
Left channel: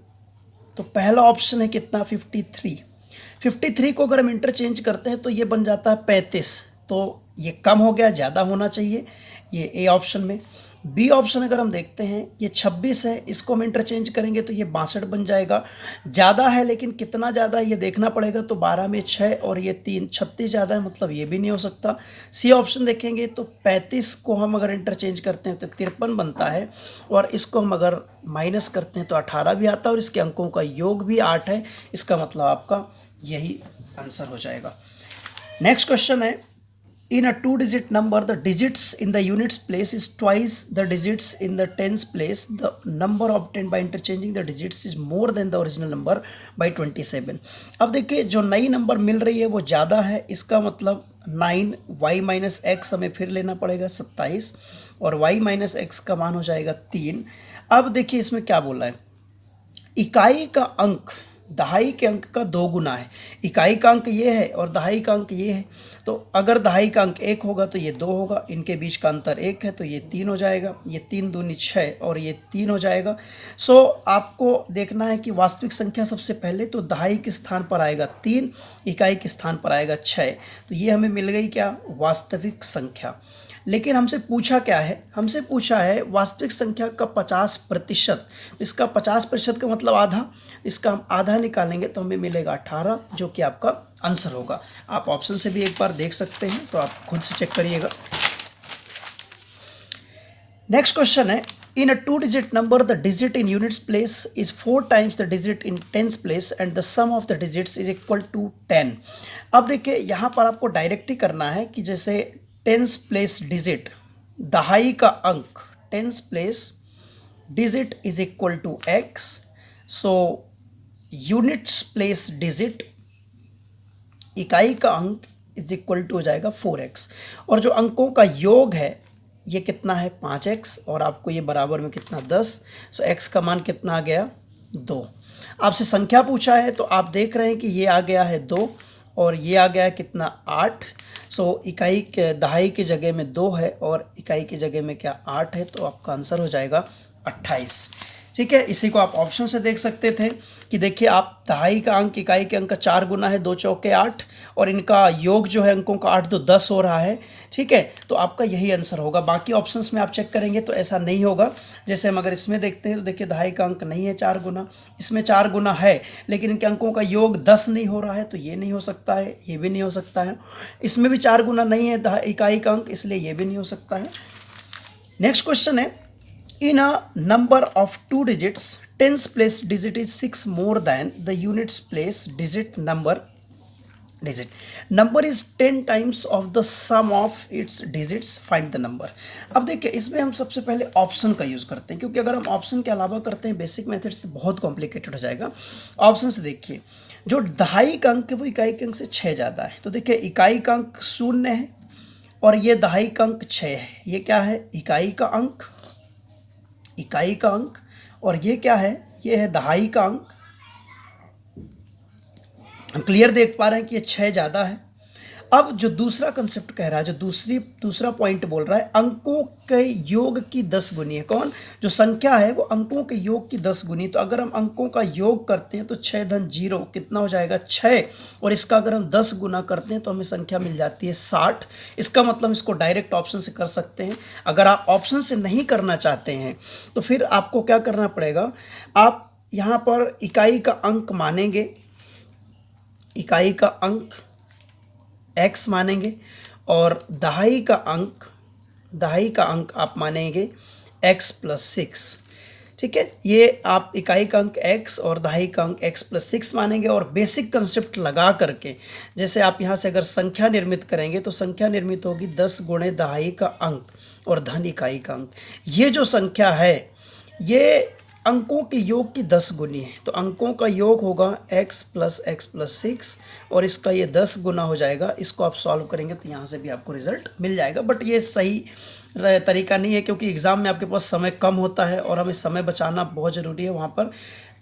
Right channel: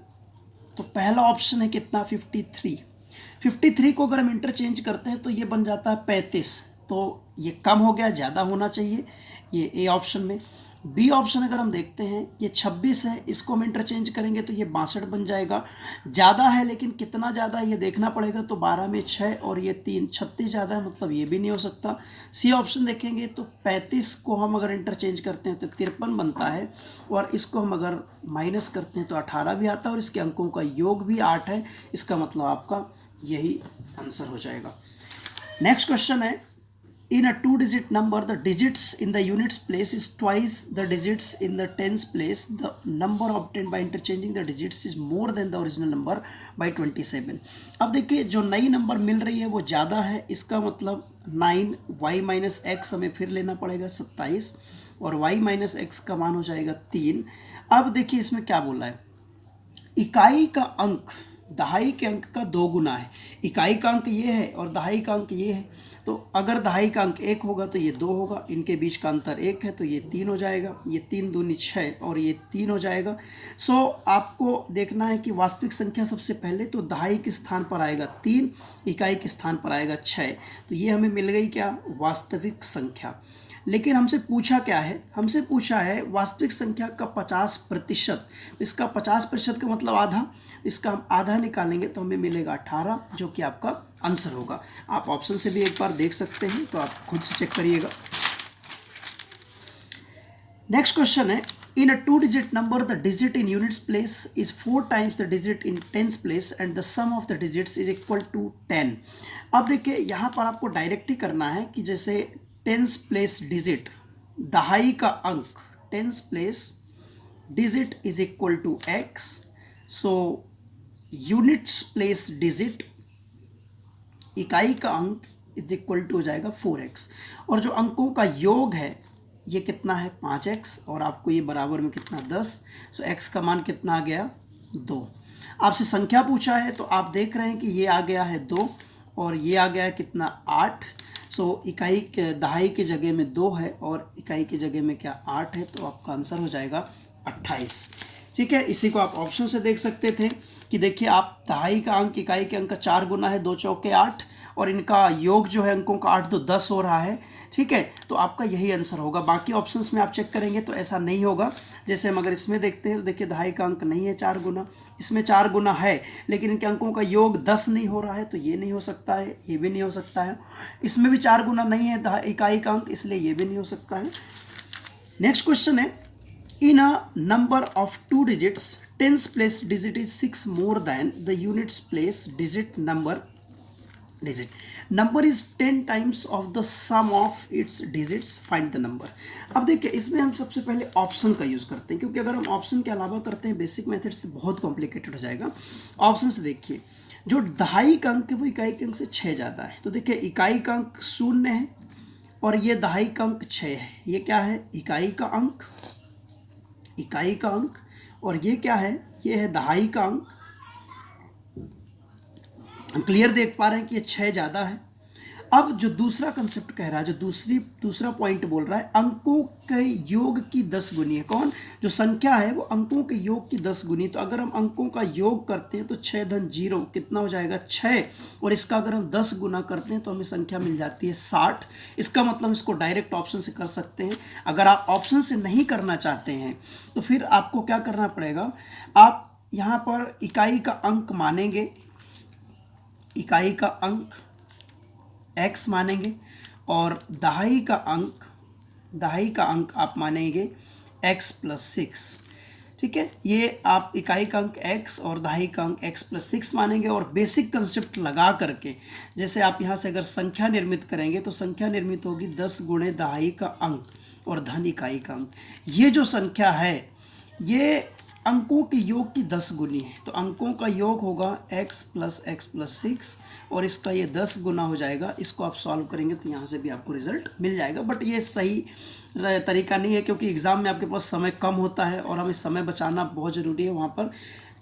तो पहला ऑप्शन है कितना 53 को अगर हम इंटरचेंज करते हैं तो ये बन जाता है 35। तो ये कम हो गया, ज़्यादा होना चाहिए ये ए ऑप्शन में। बी ऑप्शन अगर हम देखते हैं ये 26 है, इसको हम इंटरचेंज करेंगे तो ये 62 बन जाएगा। ज़्यादा है लेकिन कितना ज़्यादा है ये देखना पड़ेगा। तो 12 में 6 और ये 3, 36 ज़्यादा है, मतलब ये भी नहीं हो सकता। सी ऑप्शन देखेंगे तो 35 को हम अगर इंटरचेंज करते हैं तो 53 बनता है और इसको हम अगर माइनस करते हैं तो 18 भी आता है और इसके अंकों का योग भी 8 है। इसका मतलब आपका यही आंसर हो जाएगा। नेक्स्ट क्वेश्चन है, in a 2-digit number the digits in the units place is twice the digits in the tens place. The number obtained by interchanging the digits is more than the original number by 27. अब देखिए जो नई number मिल रही है वो ज़्यादा है, इसका मतलब 9y माइनस एक्स हमें फिर लेना पड़ेगा 27 और y माइनस एक्स का मान हो जाएगा 3। अब देखिए इसमें क्या बोला है, इकाई का अंक दहाई के अंक का 2 गुना है। इकाई का अंक ये है और दहाई का अंक ये है, तो अगर दहाई का अंक 1 होगा तो ये 2 होगा, इनके बीच का अंतर 1 है तो ये 3 हो जाएगा। ये 3 दूनी 6 और ये 3 हो जाएगा। सो आपको देखना है कि वास्तविक संख्या सबसे पहले तो दहाई के स्थान पर आएगा 3, इकाई के स्थान पर आएगा 6, तो ये हमें मिल गई क्या वास्तविक संख्या। लेकिन हमसे पूछा क्या है, हमसे पूछा है वास्तविक संख्या का 50%। इसका 50% का मतलब आधा, इसका हम आधा निकालेंगे तो हमें मिलेगा 18, जो कि आपका आंसर होगा। आप ऑप्शन से भी एक बार देख सकते हैं, तो आप खुद से चेक करिएगा। नेक्स्ट क्वेश्चन है, in a 2-digit number the digit in units place is 4 times the digit in tens place and the sum of the digits is equal to 10। अब देखिए यहाँ पर आपको डायरेक्ट ही करना है कि जैसे टेंस प्लेस डिजिट दहाई का अंक tens place digit is equal to x, so units place digit इकाई का अंक इज इक्वल टू हो जाएगा 4x और जो अंकों का योग है ये कितना है 5x और आपको ये बराबर में कितना 10, सो x का मान कितना आ गया 2। आपसे संख्या पूछा है तो आप देख रहे हैं कि ये आ गया है 2 और ये आ गया है कितना 8। सो इकाई के दहाई की जगह में 2 है और इकाई की जगह में क्या 8 है, तो आपका आंसर हो जाएगा 28। ठीक है, इसी को आप ऑप्शन से देख सकते थे कि देखिए आप दहाई का अंक इकाई के अंक का 4 गुना है, 2 चौके 8 और इनका योग जो है अंकों का 8 तो 10 हो रहा है। ठीक है, तो आपका यही आंसर होगा। बाकी ऑप्शंस में आप चेक करेंगे तो ऐसा नहीं होगा। जैसे हम अगर इसमें देखते हैं तो देखिए दहाई का अंक नहीं है 4 गुना, इसमें 4 गुना है लेकिन इनके अंकों का योग 10 नहीं हो रहा है, तो ये नहीं हो सकता है, ये भी नहीं हो सकता है। इसमें भी 4 गुना नहीं है इकाई का अंक, इसलिए ये भी नहीं हो सकता है। नेक्स्ट क्वेश्चन है, in a number of 2 digits tens place digit is 6 more than the units place digit number is 10 times of the sum of its digits, find the number। अब देखिए इसमें हम सबसे पहले ऑप्शन का यूज़ करते हैं, क्योंकि अगर हम ऑप्शन के अलावा करते हैं बेसिक मेथड से बहुत कॉम्प्लिकेटेड हो जाएगा। ऑप्शन से देखिए जो दहाई का अंक है वो इकाई के अंक से 6 ज़्यादा है, तो देखिए इकाई का अंक 0 है और ये दहाई का अंक 6 है। ये क्या है, इकाई का अंक और ये क्या है, ये है दहाई का अंक। हम क्लियर देख पा रहे हैं कि ये 6 ज़्यादा है। अब जो दूसरा कंसेप्ट कह रहा है, जो दूसरा पॉइंट बोल रहा है, अंकों के योग की 10 गुनी है। कौन, जो संख्या है वो अंकों के योग की 10 गुनी। तो अगर हम अंकों का योग करते हैं तो 6 धन 0 कितना हो जाएगा 6, और इसका अगर हम 10 गुना करते हैं तो हमें संख्या मिल जाती है 60। इसका मतलब इसको डायरेक्ट ऑप्शन से कर सकते हैं। अगर आप ऑप्शन से नहीं करना चाहते हैं तो फिर आपको क्या करना पड़ेगा, आप यहाँ पर इकाई का अंक मानेंगे, इकाई का अंक x मानेंगे और दहाई का अंक आप मानेंगे x प्लस 6। ठीक है, ये आप इकाई का अंक x और दहाई का अंक x प्लस 6 मानेंगे और बेसिक कंसेप्ट लगा करके, जैसे आप यहाँ से अगर संख्या निर्मित करेंगे तो संख्या निर्मित होगी 10 गुणे दहाई का अंक और धन इकाई का अंक। ये जो संख्या है ये अंकों के योग की 10 गुनी है, तो अंकों का योग होगा x प्लस 6 और इसका ये 10 गुना हो जाएगा। इसको आप सॉल्व करेंगे तो यहाँ से भी आपको रिजल्ट मिल जाएगा, बट ये सही तरीका नहीं है क्योंकि एग्ज़ाम में आपके पास समय कम होता है और हमें समय बचाना बहुत ज़रूरी है। वहाँ पर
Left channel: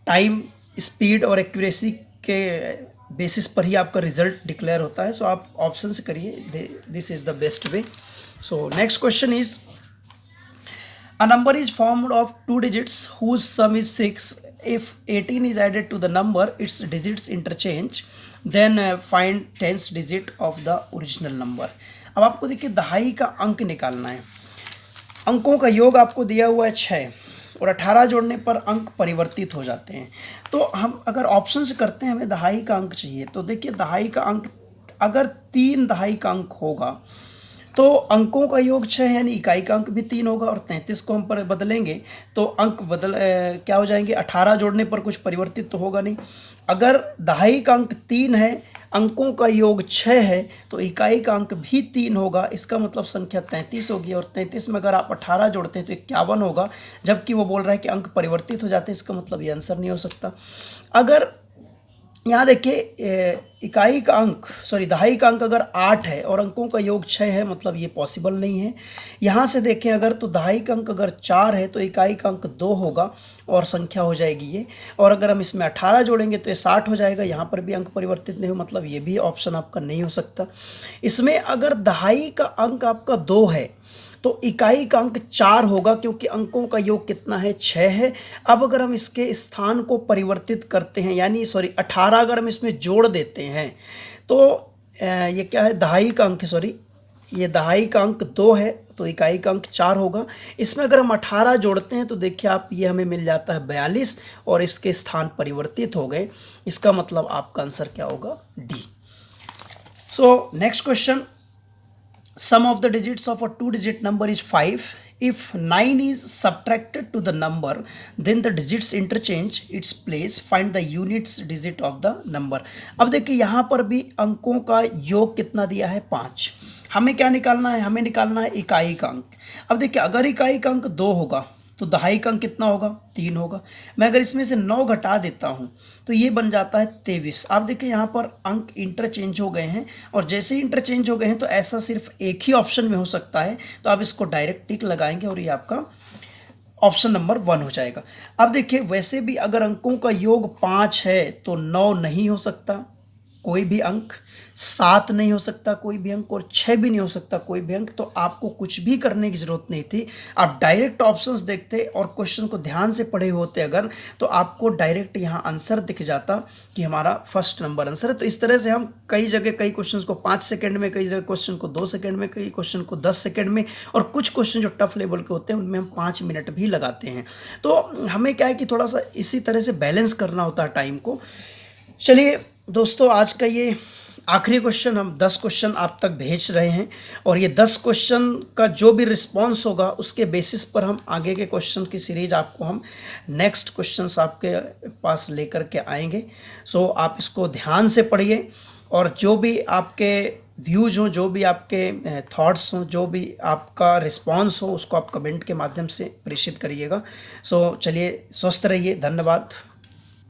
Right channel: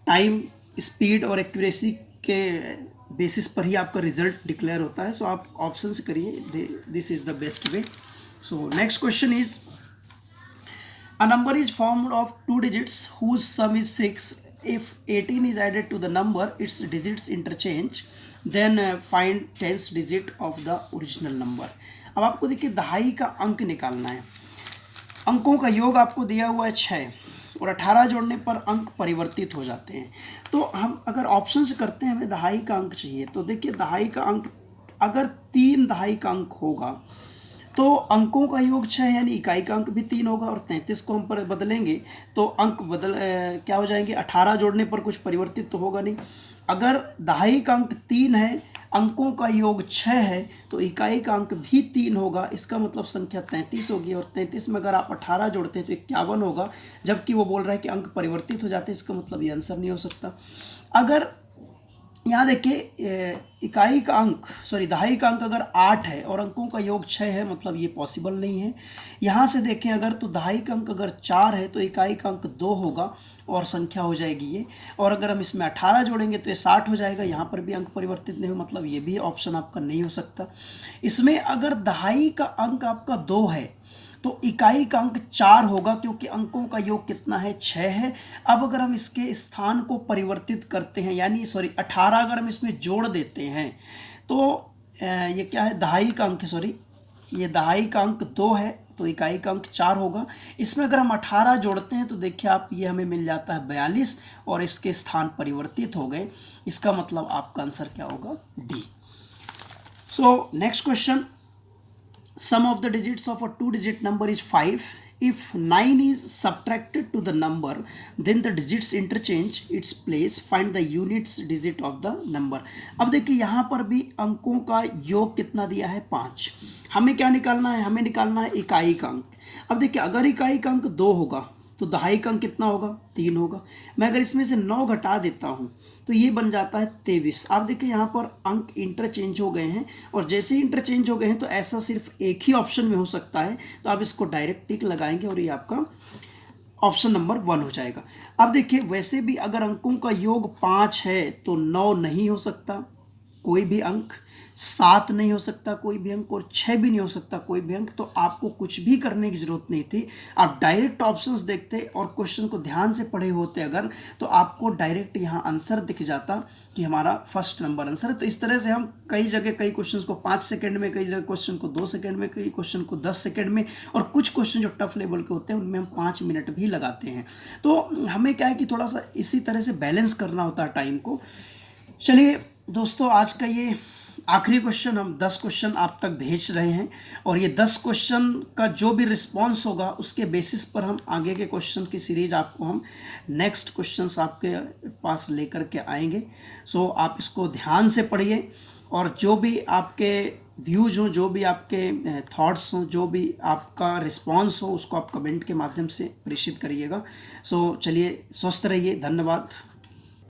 टाइम, स्पीड और एक्यूरेसी के बेसिस पर ही आपका रिजल्ट डिक्लेयर होता है। सो आप ऑप्शन से करिए, this is the best way. So next question is, a number is formed of 2 digits whose sum is 6. If 18 is added to the number, its digits interchange, then find 10th digit of the original number। अब आपको देखिए दहाई का अंक निकालना है। अंकों का योग आपको दिया हुआ है 6 और 18 जोड़ने पर अंक परिवर्तित हो जाते हैं। तो हम अगर ऑप्शन से करते हैं, हमें दहाई का अंक चाहिए, तो देखिए दहाई का अंक अगर 3 दहाई का अंक होगा तो अंकों का योग 6 यानी इकाई का अंक भी 3 होगा और 33 को हम पर बदलेंगे तो अंक क्या हो जाएंगे, 18 जोड़ने पर कुछ परिवर्तित तो होगा नहीं। अगर दहाई का अंक 3 है, अंकों का योग 6 है, तो इकाई का अंक भी 3 होगा। इसका मतलब संख्या 33 होगी और 33 में अगर आप 18 जोड़ते हैं तो 51 होगा, जबकि वो बोल रहा है कि अंक परिवर्तित हो जाते हैं। इसका मतलब ये आंसर नहीं हो सकता। अगर यहाँ देखिए दहाई का अंक अगर 8 है और अंकों का योग 6 है, मतलब ये पॉसिबल नहीं है। यहाँ से देखें अगर, तो दहाई का अंक अगर 4 है तो इकाई का अंक 2 होगा और संख्या हो जाएगी ये, और अगर हम इसमें 18 जोड़ेंगे तो ये 60 हो जाएगा। यहाँ पर भी अंक परिवर्तित नहीं हो, मतलब ये भी ऑप्शन आपका नहीं हो सकता। इसमें अगर दहाई का अंक आपका 2 है तो इकाई का अंक 4 होगा, क्योंकि अंकों का योग कितना है 6 है। अब अगर हम इसके स्थान को परिवर्तित करते हैं, यानी 18 अगर हम इसमें जोड़ देते हैं तो ये क्या है, दहाई का अंक, ये दहाई का अंक 2 है तो इकाई का अंक 4 होगा। इसमें अगर हम 18 जोड़ते हैं तो देखिए आप, ये हमें मिल जाता है 42 और इसके स्थान परिवर्तित हो गए। इसका मतलब आपका आंसर क्या होगा, D. So next question, sum of the digits of a 2-digit number is 5. If 9 is subtracted to the number, then the digits interchange its place. Find the units digit of the number। अब देखिए यहाँ पर भी अंकों का योग कितना दिया है, 5। हमें क्या निकालना है, हमें निकालना है इकाई का अंक। अब देखिए अगर इकाई का अंक 2 होगा तो दहाई का अंक कितना होगा, 3 होगा। मैं अगर इसमें से 9 घटा देता हूँ तो ये बन जाता है 23। आप देखिए यहाँ पर अंक इंटरचेंज हो गए हैं, और जैसे ही इंटरचेंज हो गए हैं तो ऐसा सिर्फ एक ही ऑप्शन में हो सकता है, तो आप इसको डायरेक्ट टिक लगाएंगे और ये आपका ऑप्शन नंबर 1 हो जाएगा। अब देखिए वैसे भी अगर अंकों का योग 5 है तो 9 नहीं हो सकता कोई भी अंक, 7 नहीं हो सकता कोई भी अंक, और 6 भी नहीं हो सकता कोई भी अंक। तो आपको कुछ भी करने की ज़रूरत नहीं थी, आप डायरेक्ट ऑप्शंस देखते और क्वेश्चन को ध्यान से पढ़े होते अगर, तो आपको डायरेक्ट यहाँ आंसर दिख जाता कि हमारा फर्स्ट नंबर आंसर है। तो इस तरह से हम कई जगह कई क्वेश्चन को 5 सेकेंड में, कई जगह क्वेश्चन को 2 सेकेंड में, कई क्वेश्चन को 10 सेकेंड में, और कुछ क्वेश्चन जो टफ लेवल के होते हैं उनमें हम 5 मिनट भी लगाते हैं। तो हमें क्या है कि थोड़ा सा इसी तरह से बैलेंस करना होता है टाइम को। चलिए दोस्तों, आज का ये आखिरी क्वेश्चन, हम 10 क्वेश्चन आप तक भेज रहे हैं, और ये 10 क्वेश्चन का जो भी रिस्पांस होगा उसके बेसिस पर हम आगे के क्वेश्चन की सीरीज आपको हम नेक्स्ट क्वेश्चंस आपके पास लेकर के आएंगे। सो आप इसको ध्यान से पढ़िए, और जो भी आपके व्यूज़ हों, जो भी आपके थॉट्स हों, जो भी आपका रिस्पांस हो, उसको आप कमेंट के माध्यम से प्रेषित करिएगा। सो चलिए, स्वस्थ रहिए, धन्यवाद।